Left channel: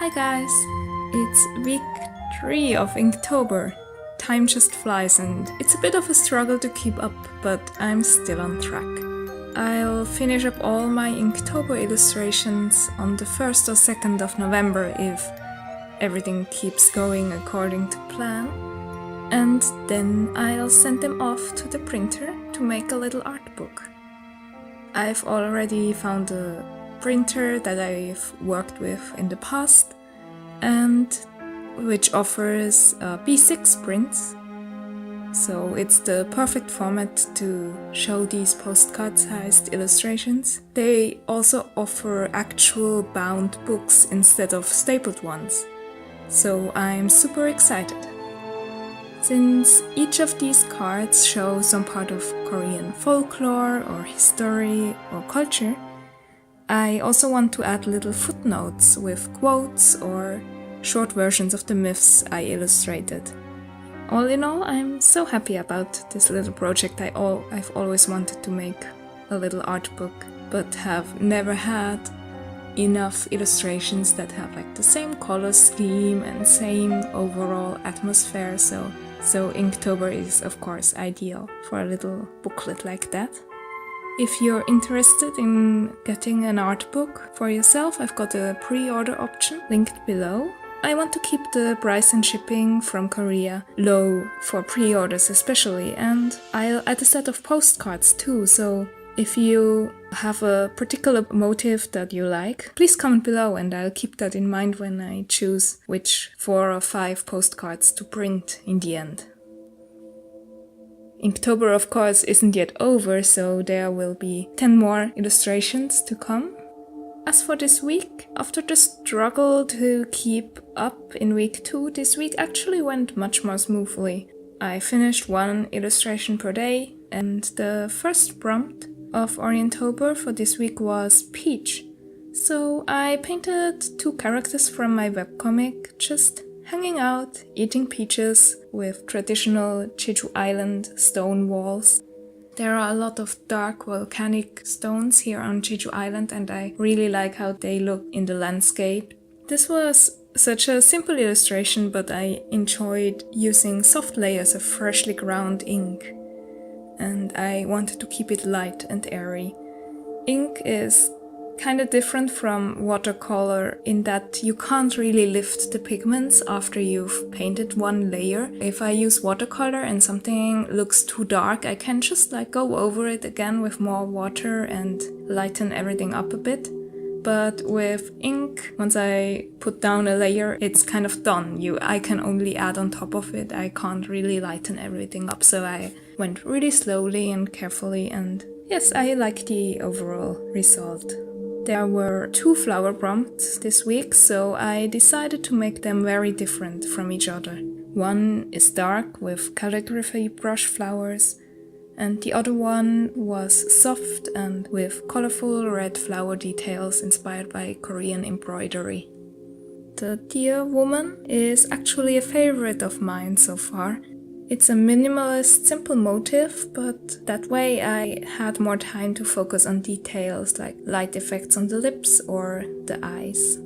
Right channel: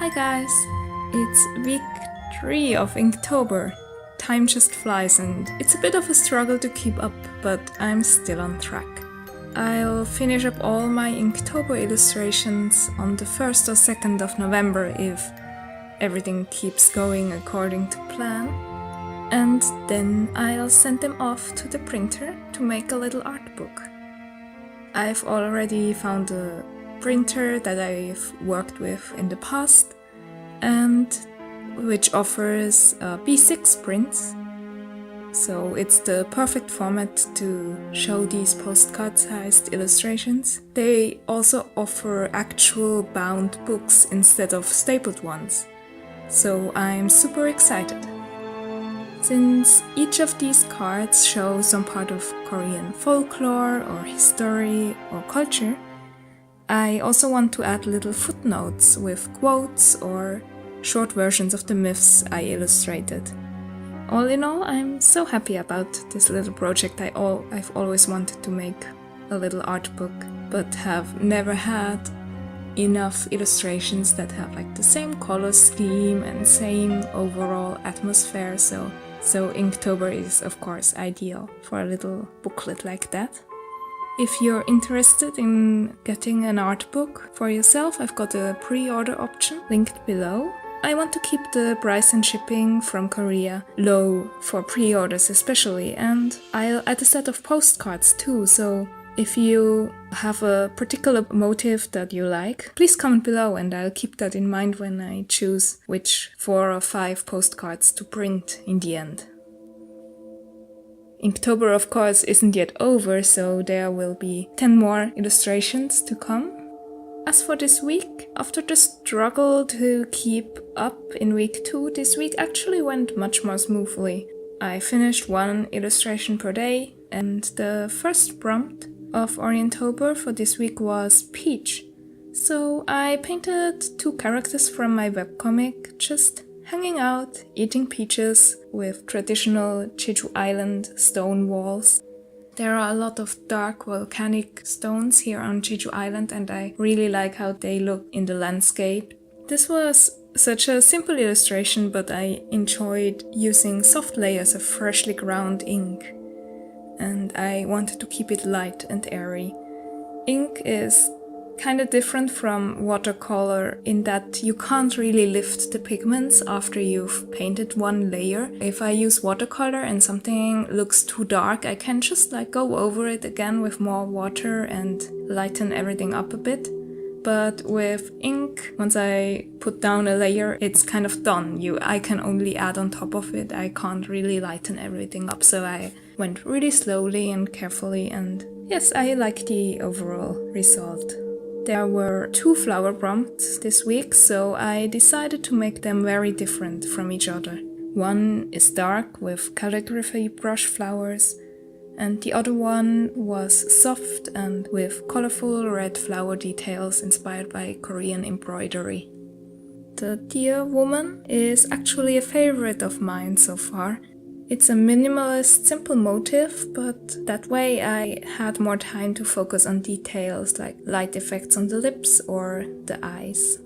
Hi guys! It's week 3 of Inktober. Time just flies and it's a bit of a struggle to keep up, but I'm still on track. I'll finish up all my Inktober illustrations on the 1st or 2nd of November if everything keeps going according to plan. And then I'll send them off to the printer to make a little art book. I've already found a printer that I've worked with in the past and which offers B6 prints. So it's the perfect format to show these postcard-sized illustrations. They also offer actual bound books instead of stapled ones. So I'm super excited. Since each of these cards show some part of Korean folklore or history or culture, I also want to add little footnotes with quotes or short versions of the myths I illustrated. All in all, I'm so happy about this little project. I've always wanted to make a little art book, but have never had enough illustrations that have like the same color scheme and same overall atmosphere, so Inktober is of course ideal for a little booklet like that. If you're interested in getting an art book for yourself, I've got a pre-order option linked below. I want to keep the price and shipping from Korea low for pre-orders especially, and I'll add a set of postcards too, so if you have a particular motive that you like, please comment below and I'll keep that in mind when I choose which 4 or 5 postcards to print in the end. Inktober of course isn't yet over, so there will be 10 more illustrations to come. As for this week, after the struggle to keep up in week 2, this week actually went much more smoothly. I finished 1 illustration per day, and the first prompt of Orientober for this week was Peach. So I painted 2 characters from my webcomic, just hanging out, eating peaches with traditional Jeju Island stone walls. There are a lot of dark volcanic stones here on Jeju Island and I really like how they look in the landscape. This was such a simple illustration, but I enjoyed using soft layers of freshly ground ink. And I wanted to keep it light and airy. Ink is kind of different from watercolor in that you can't really lift the pigments after you've painted 1 layer. If I use watercolor and something looks too dark, I can just go over it again with more water and lighten everything up a bit. But with ink, once I put down a layer, it's kind of done. I can only add on top of it. I can't really lighten everything up, so I went really slowly and carefully, and yes, I like the overall result. There were 2 flower prompts this week, so I decided to make them very different from each other. One is dark with calligraphy brush flowers, and the other one was soft and with colorful red flower details inspired by Korean embroidery. The Dear Woman is actually a favorite of mine so far. It's a minimalist, simple motif, but that way I had more time to focus on details like light effects on the lips or the eyes.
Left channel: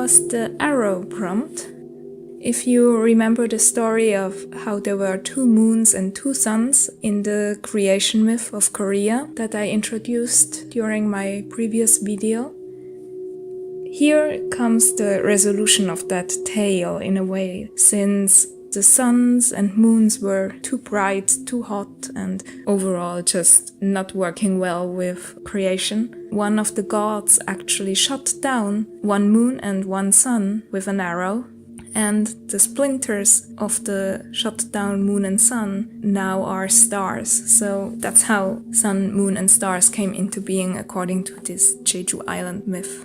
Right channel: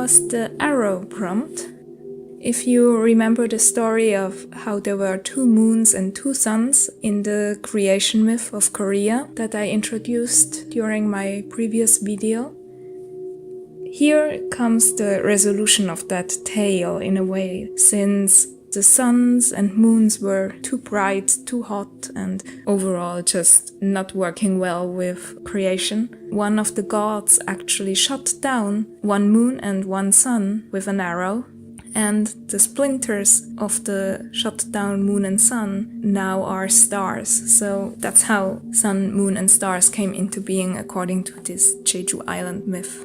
was the arrow prompt. If you remember the story of how there were 2 moons and 2 suns in the creation myth of Korea that I introduced during my previous video, here comes the resolution of that tale in a way, since the suns and moons were too bright, too hot, and overall just not working well with creation. One of the gods actually shot down 1 moon and 1 sun with an arrow, and the splinters of the shot down moon and sun now are stars. So that's how sun, moon and stars came into being according to this Jeju Island myth.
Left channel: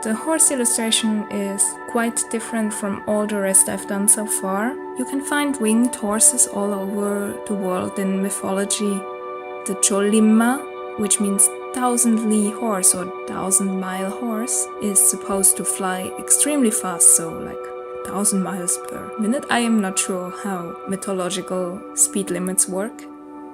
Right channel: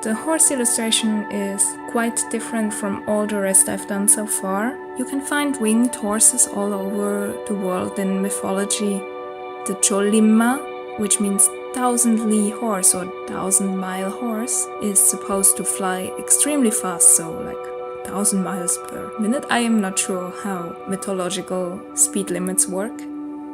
The horse illustration is quite different from all the rest I've done so far. You can find winged horses all over the world in mythology. The Cholimma, which means 1,000-li horse or 1,000-mile horse, is supposed to fly extremely fast, so like 1,000 miles per minute. I am not sure how mythological speed limits work.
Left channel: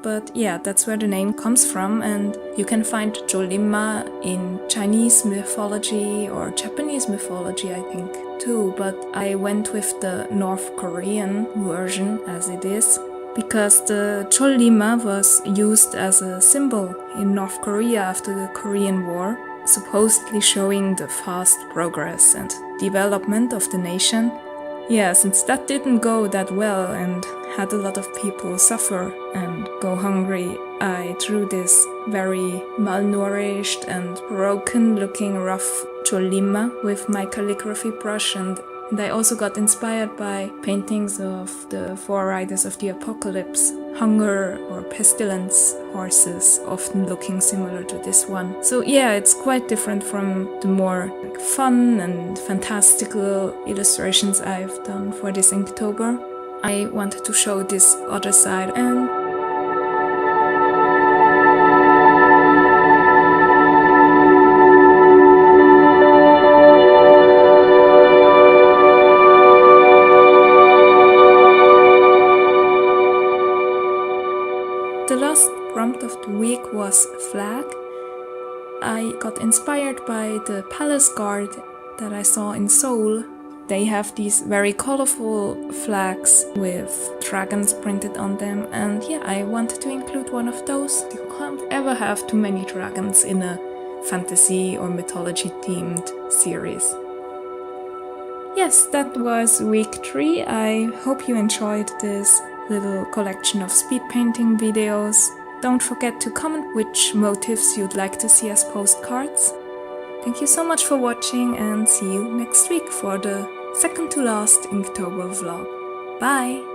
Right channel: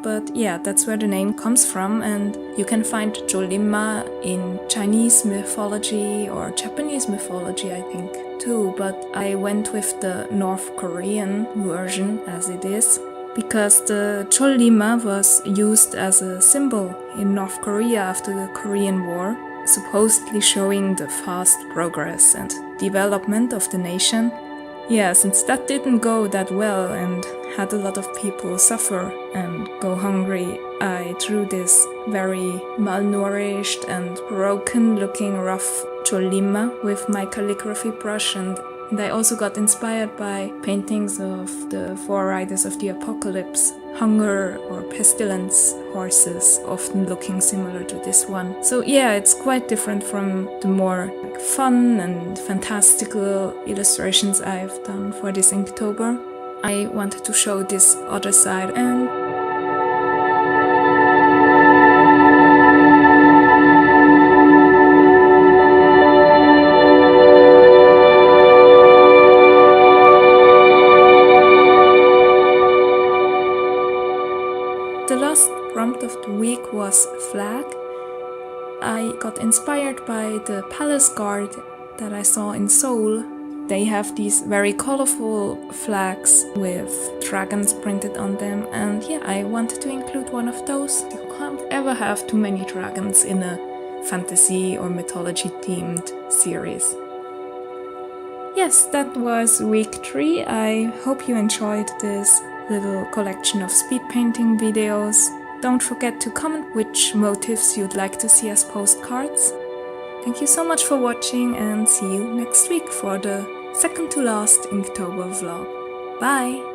But yeah, that's where the name comes from, and you can find Cholimma in Chinese mythology or Japanese mythology, I think, too. But I went with the North Korean version as it is, because the Cholimma was used as a symbol in North Korea after the Korean War, supposedly showing the fast progress and development of the nation. Yeah, since that didn't go that well and had a lot of people suffer and go hungry, I drew this very malnourished and broken looking rough Cholimma with my calligraphy brush, and I also got inspired by paintings of the 4 riders of the apocalypse, hunger or pestilence horses, often looking similar to this one. So yeah, it's quite different from the more fun and fantastical illustrations I've done for this Inktober. I wanted to show this other side, and the last prompt of the week was flag. I got inspired by the palace guard that I saw in Seoul. They have these very colorful flags with dragons printed on them, and yeah, I wanted to include one of those. You can't ever have too many dragons in a fantasy or mythology themed series. Yes, that was week 3. I hope you enjoyed this little collection of speed painting videos. Don't forget to comment which motifs you'd like to see as postcards. Thank you so much for watching, and see you next week for the second to last Inktober vlog. Bye!